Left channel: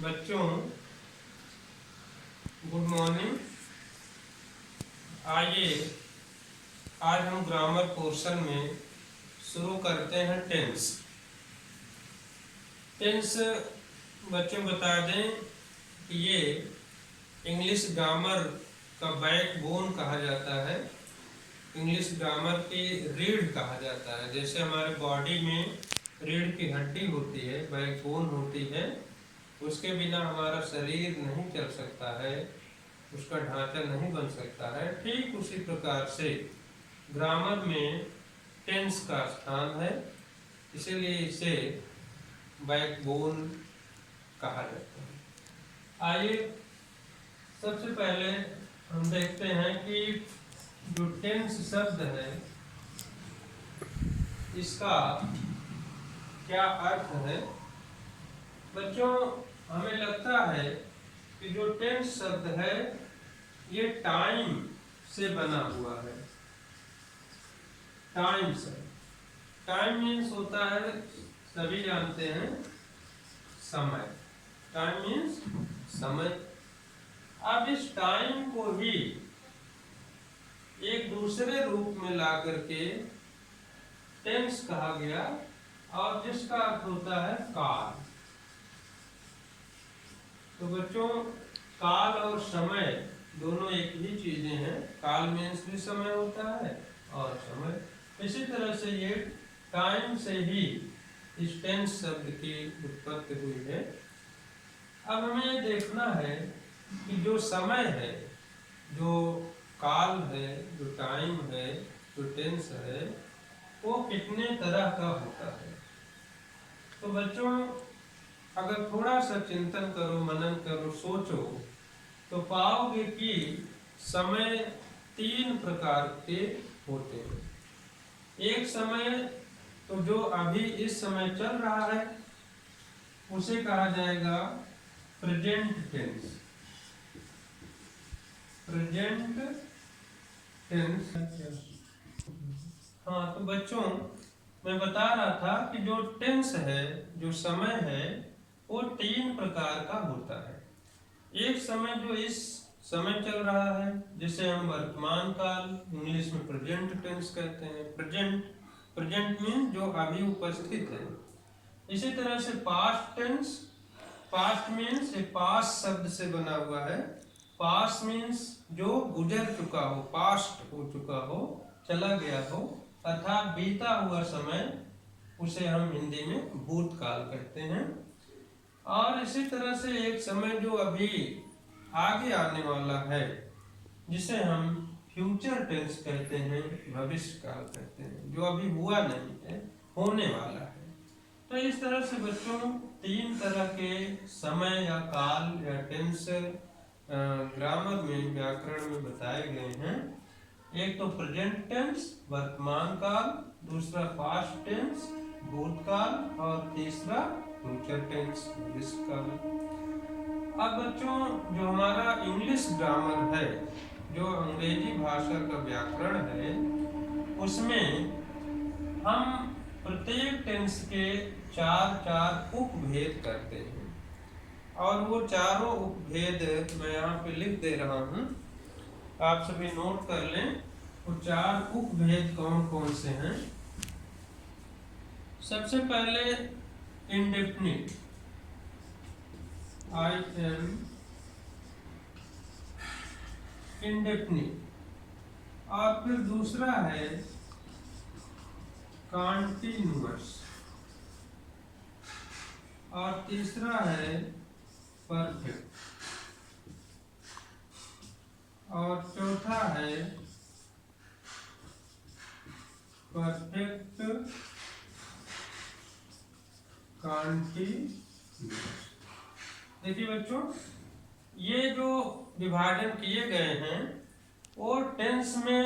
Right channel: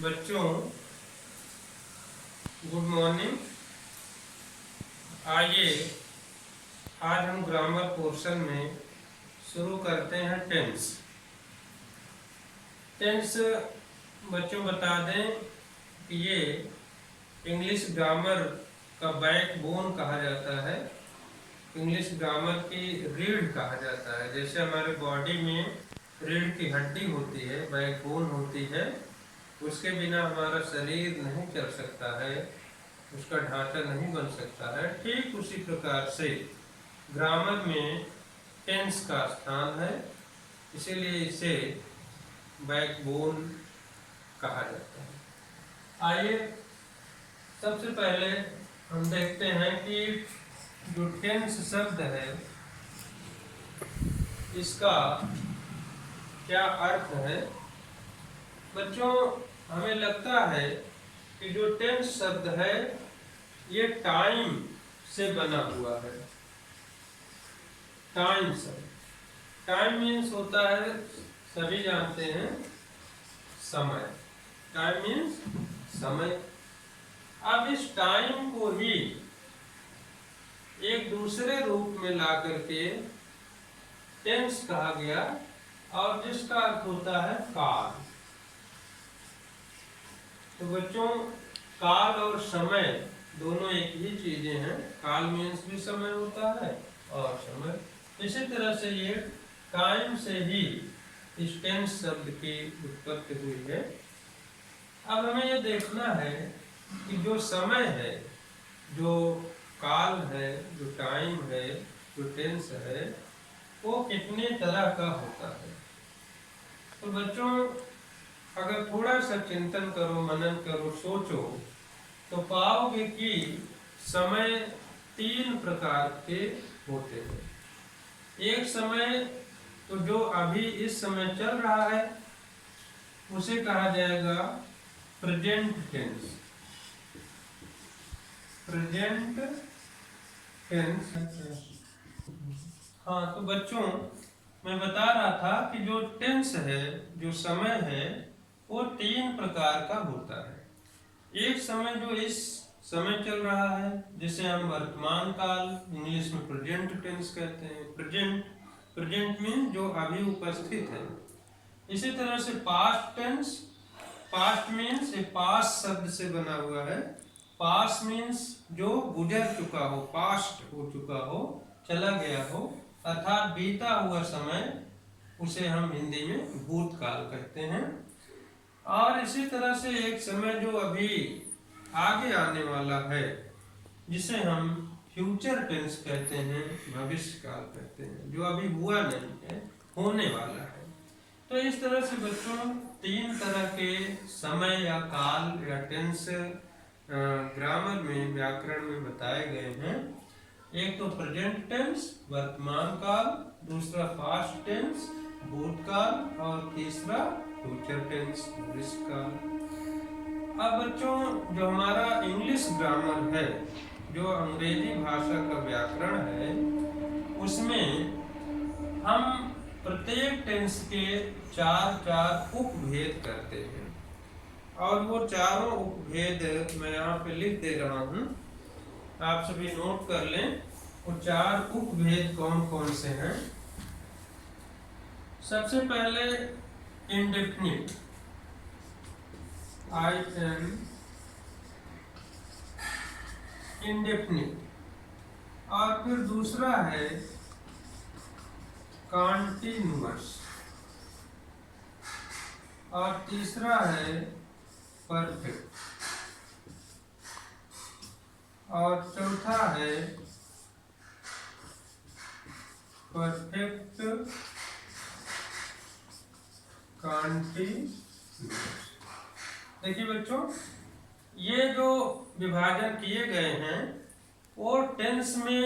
बच्चों good morning. आइए आज हम ग्रामर पोर्शन में शुरू करते हैं टेंस। टेंस बच्चों बता दें कि ये इंग्लिश ग्रामर का बैकबोन कहा जाता है। इंग्लिश ग्रामर की रीढ़ कहा जाता है। जैसे हमारे बॉडी में रीढ़ की हड्डी होती है, बैकबोन होती है, उसके बिना हमारा शरीर नहीं चल सकता है, उसका ढांचा नहीं बन सकता है। ठीक उसी प्रकार से ग्रामर में टेंस का स्थान है, इसीलिए इसे बैकबोन कहा जाता है। आइए सबसे पहले हम देखते हैं कि जो टेंस शब्द है इसका क्या अर्थ है। बच्चों हमें लगता है कि जो टेंस शब्द है ये टाइम से बना हुआ है। टाइम शब्द, टाइम मीन्स होता है, सभी जानते हैं, समय। टाइम मीन्स समय। अब इस टाइम को ही एक दूसरे रूप में ला करके टेंस कहा गया, और जिसका अर्थ होता है काल। तो बच्चों काल और समय दोनों एक ही चीजें हैं। काल मीन्स भी समय होता है और समय। इसी तरह से ये टाइम से ही इस टेंस शब्द की उत्पत्ति हुई है। अब हमें ये देखना है कि जो समय है, जो काल है, जो टाइम है, जो टेंस है, वो कितने तरह का होता है। तो बच्चों अगर थोड़ा सा चिंतन करो, मनन करो, सोचो, तो पाओगे कि समय 3 प्रकार के होते हैं। एक समय तो जो अभी इस समय चल रहा है उसे कहा जाएगा प्रेजेंट टेंस। Present tense. हाँ, तो बच्चों मैं बता रहा था कि जो टेंस है, जो समय है, वो 3 प्रकार का होता है। एक समय जो इस समय चल रहा है, जिसे हम वर्तमान काल, इंग्लिश में प्रेजेंट टेंस कहते हैं। प्रेजेंट मीन जो अभी उपस्थित है। इसी तरह से पास्ट टेंस। पास्ट मीन्स ये पास्ट शब्द से बना हुआ है। पास्ट मीन्स जो गुजर चुका हो, पास्ट हो चुका हो, चला गया हो, अर्थात बीता हुआ समय, उसे हम हिंदी में भूतकाल कहते हैं। और इसी तरह से एक समय जो अभी आगे आने वाला है, जिसे हम फ्यूचर टेंस कहते हैं, भविष्य काल कहते हैं, जो अभी हुआ नहीं है, होने वाला है। तो इस तरह से बच्चों 3 तरह के समय या काल या टेंस ग्रामर में, व्याकरण में बताए गए हैं। एक तो प्रेजेंट टेंस वर्तमान काल, दूसरा पास्ट टेंस भूतकाल, और तीसरा फ्यूचर टेंस भविष्य काल। अब बच्चों जो हमारा इंग्लिश ग्रामर है, जो अंग्रेजी भाषा का व्याकरण है, उसमें हम प्रत्येक टेंस के 4 उपभेद करते हैं। और वो चारों उपभेद मैं यहाँ पे लिख दे रहा हूँ, आप सभी नोट कर लें। वो 4 उपभेद कौन कौन से हैं। सबसे पहले इंडेफिनिट, इंडेफिनिट। और फिर दूसरा है कॉन्टिन्यूअस, और तीसरा है परफेक्ट, और चौथा है परफेक्ट कॉन्टिन्यूअस। देखिए बच्चों, ये जो विभाजन किए गए हैं, वो टेंस में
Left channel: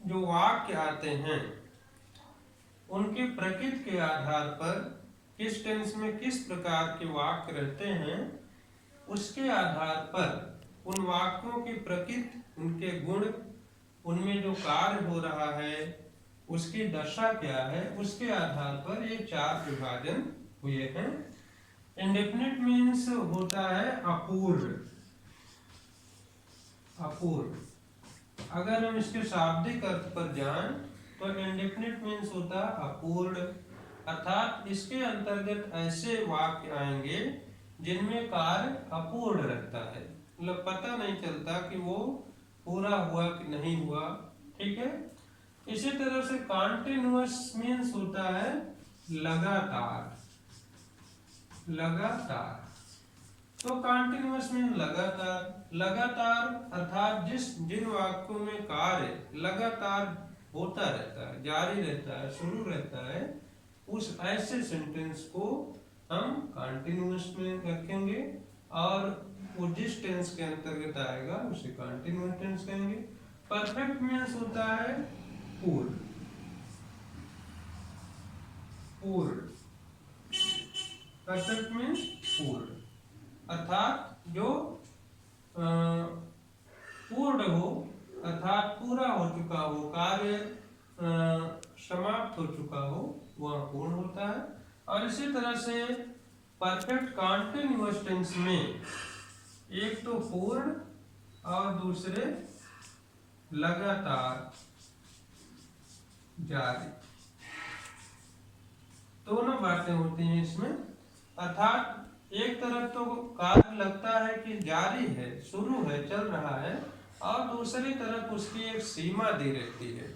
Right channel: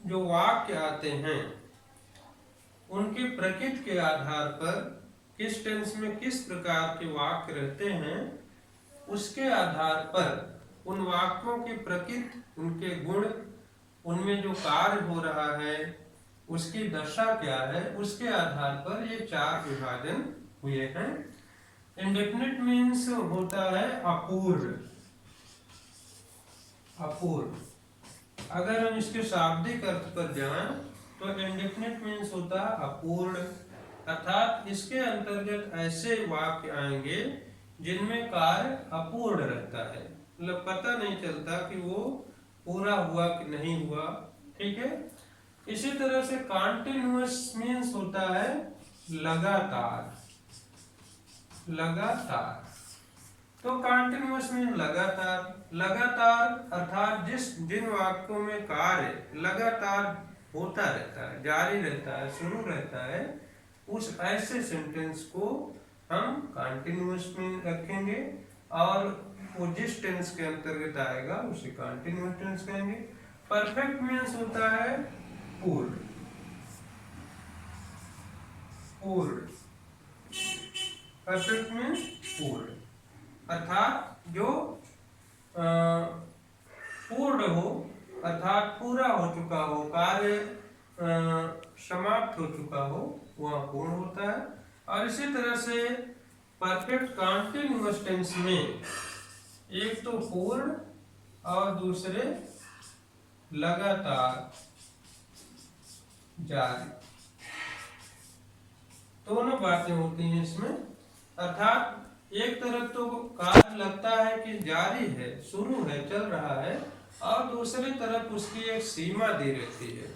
जो वाक्य आते हैं उनकी प्रकृति के आधार पर, किस टेंस में किस प्रकार के वाक्य रहते हैं, उसके आधार पर उन वाक्यों की प्रकृति, उनके गुण, उनमें जो कार्य हो रहा है, उसकी दशा क्या है, उसके आधार पर ये 4 विभाजन हुए हैं। इंडेफिनिट मीन्स होता है अपूर्ण। अपूर्ण अगर हम इसके शाब्दिक अर्थ पर जाएं तो इंडेफिनिट मीन्स होता है अपूर्ण, अर्थात इसके अंतर्गत ऐसे वाक्य आएंगे जिनमें कार्य अपूर्ण रहता है, मतलब पता नहीं चलता कि वो पूरा हुआ कि नहीं हुआ। ठीक है। इसी तरह से कॉन्टिन्यूअस मीन्स होता है लगातार। लगातार तो कॉन्टिन्यूअस मीन लगातार। लगातार अर्थात जिन वाक्यों में कार्य लगातार होता रहता है, जारी रहता है, शुरू रहता है, उस ऐसे सेंटेंस को हम कॉन्टिन्यूअस में रखेंगे और वो जिस टेंस के अंतर्गत आएगा उसे कॉन्टिन्यूअस टेंस कहेंगे। परफेक्ट मीन्स होता है पूर्ण। पूर्ण परफेक्ट मीन्स पूर्ण अर्थात जो पूर्ण हो, अर्थात पूरा हो चुका हो, कार्य समाप्त हो चुका हो, वह पूर्ण होता है। और इसी तरह से परफेक्ट कॉन्टिन्यूअस टेंस में एक तो पूर्ण और दूसरे लगातार जारी, दोनों बातें होती हैं इसमें। अर्थात एक तरफ तो कार्य लगता है कि जारी है, शुरू है, चल रहा है, और दूसरी तरफ उसकी एक सीमा दी रहती है,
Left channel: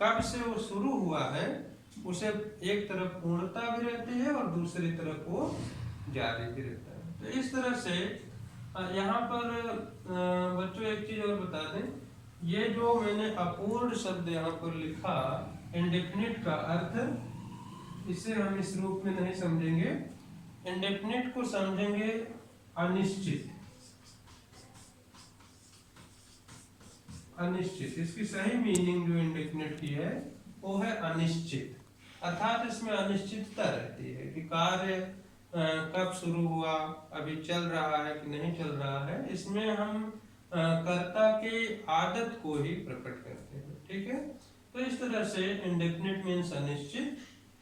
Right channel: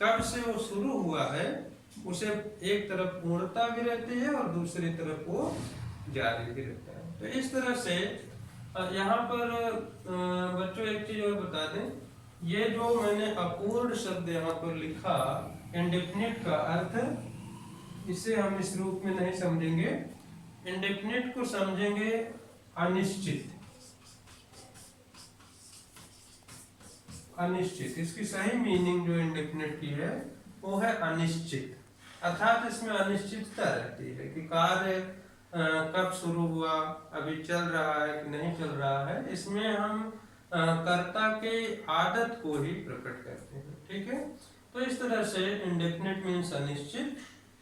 कब से वो शुरू हुआ है उसे एक तरफ पूर्णता भी रहती है और दूसरी तरफ वो जारी भी रहता है। तो इस तरह से यहाँ पर बच्चों एक चीज और बता दें, ये जो मैंने अपूर्ण शब्द यहाँ पर लिखा इंडेफिनिट का अर्थ, इसे हम इस रूप में नहीं समझेंगे। इंडेफिनिट को समझेंगे अनिश्चित। अनिश्चित इसकी सही मीनिंग जो इंडेफिनिट की है वो है अनिश्चित, अर्थात इसमें अनिश्चितता रहती है कि कार्य कब शुरू हुआ, अभी चल रहा है कि नहीं चल रहा है। इसमें हम कर्ता की आदत को ही प्रकट करते हैं। ठीक है। तो इस तरह से इंडेफिनिट मीन्स अनिश्चित,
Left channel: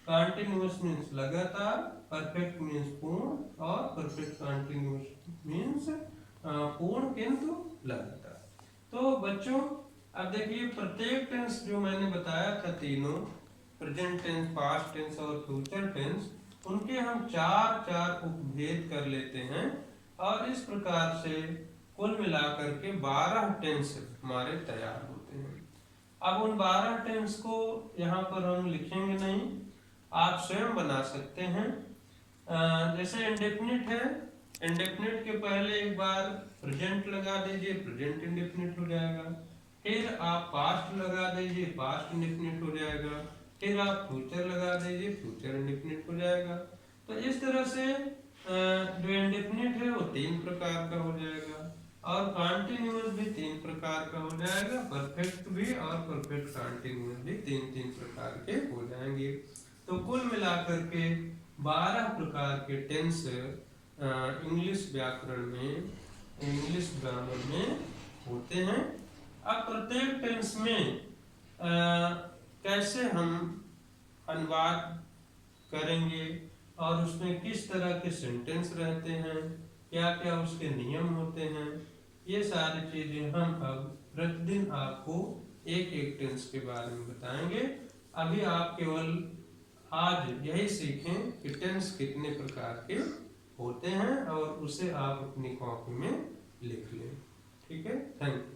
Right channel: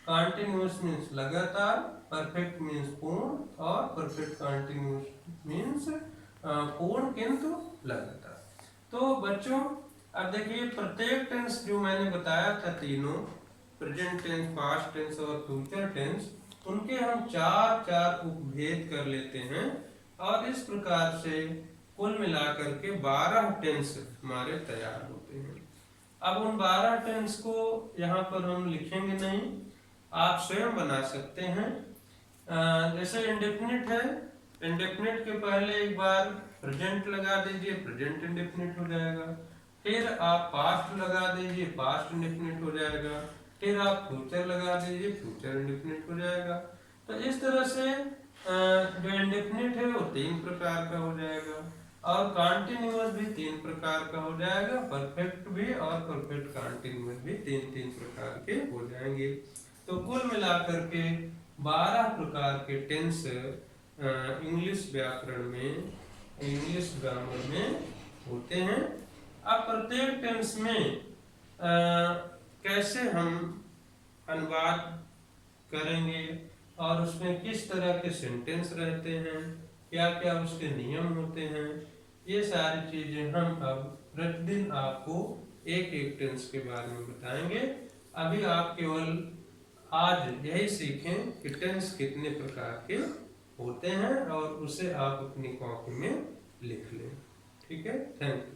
कॉन्टिन्यूअस मीन्स लगातार, परफेक्ट मीन्स पूर्ण और परफेक्ट कॉन्टिन्यूअस मीन्स पूर्ण किंतु लगातार। तो बच्चों अब देखिए प्रत्येक टेंस जो मैंने बताया था तीनों, प्रेजेंट टेंस, पास्ट टेंस और फ्यूचर टेंस, उनके हम चार उपभेद कर लेते हैं और इस प्रकार से कुल मिलाकर के 12 टेंस हमारे तैयार होते हैं। अब उन 12 टेंस को यहाँ पर हम लिखेंगे नहीं, आप स्वयं बना सकते हैं। जैसे इंडेफिनिट है, इंडेफिनिट के पहले एक बार प्रेजेंट लगा दीजिए, प्रेजेंट इंडेफिनिट हो जाएगा। फिर आप पास्ट लगा दीजिए, पास्ट इंडेफिनिट हो जाएगा। फिर आप फ्यूचर लगा दीजिए, फ्यूचर इंडेफिनिट हो जाएगा। तो इस तरह से जो इंडेफिनिट है वो 3 प्रकार का हो जाएगा और कॉन्टिन्यूअस भी 3 प्रकार का हो जाएगा, परफेक्ट भी और परफेक्ट कॉन्टिन्यूअस भी 3 प्रकार के हो जाएंगे। तो कुल मिलाकर के 12 प्रकार के टेंस इंग्लिश व्याकरण में, इंग्लिश ग्रामर में होते हैं। अब प्रत्येक टेंस में कैसे हम अनुवाद करेंगे और उसमें किस तरह के सेंटेंस रहते हैं, क्या क्या उसके नियम होते हैं, ये सारी चीजें हम अब प्रतिदिन आपको एक एक टेंस के बारे में बताएंगे। अभी आप केवल आज यही सीखें कि टेंस कितने प्रकार के होते हैं और उसे आप अपनी कॉपी में लिख लें। ठीक है। Thank you.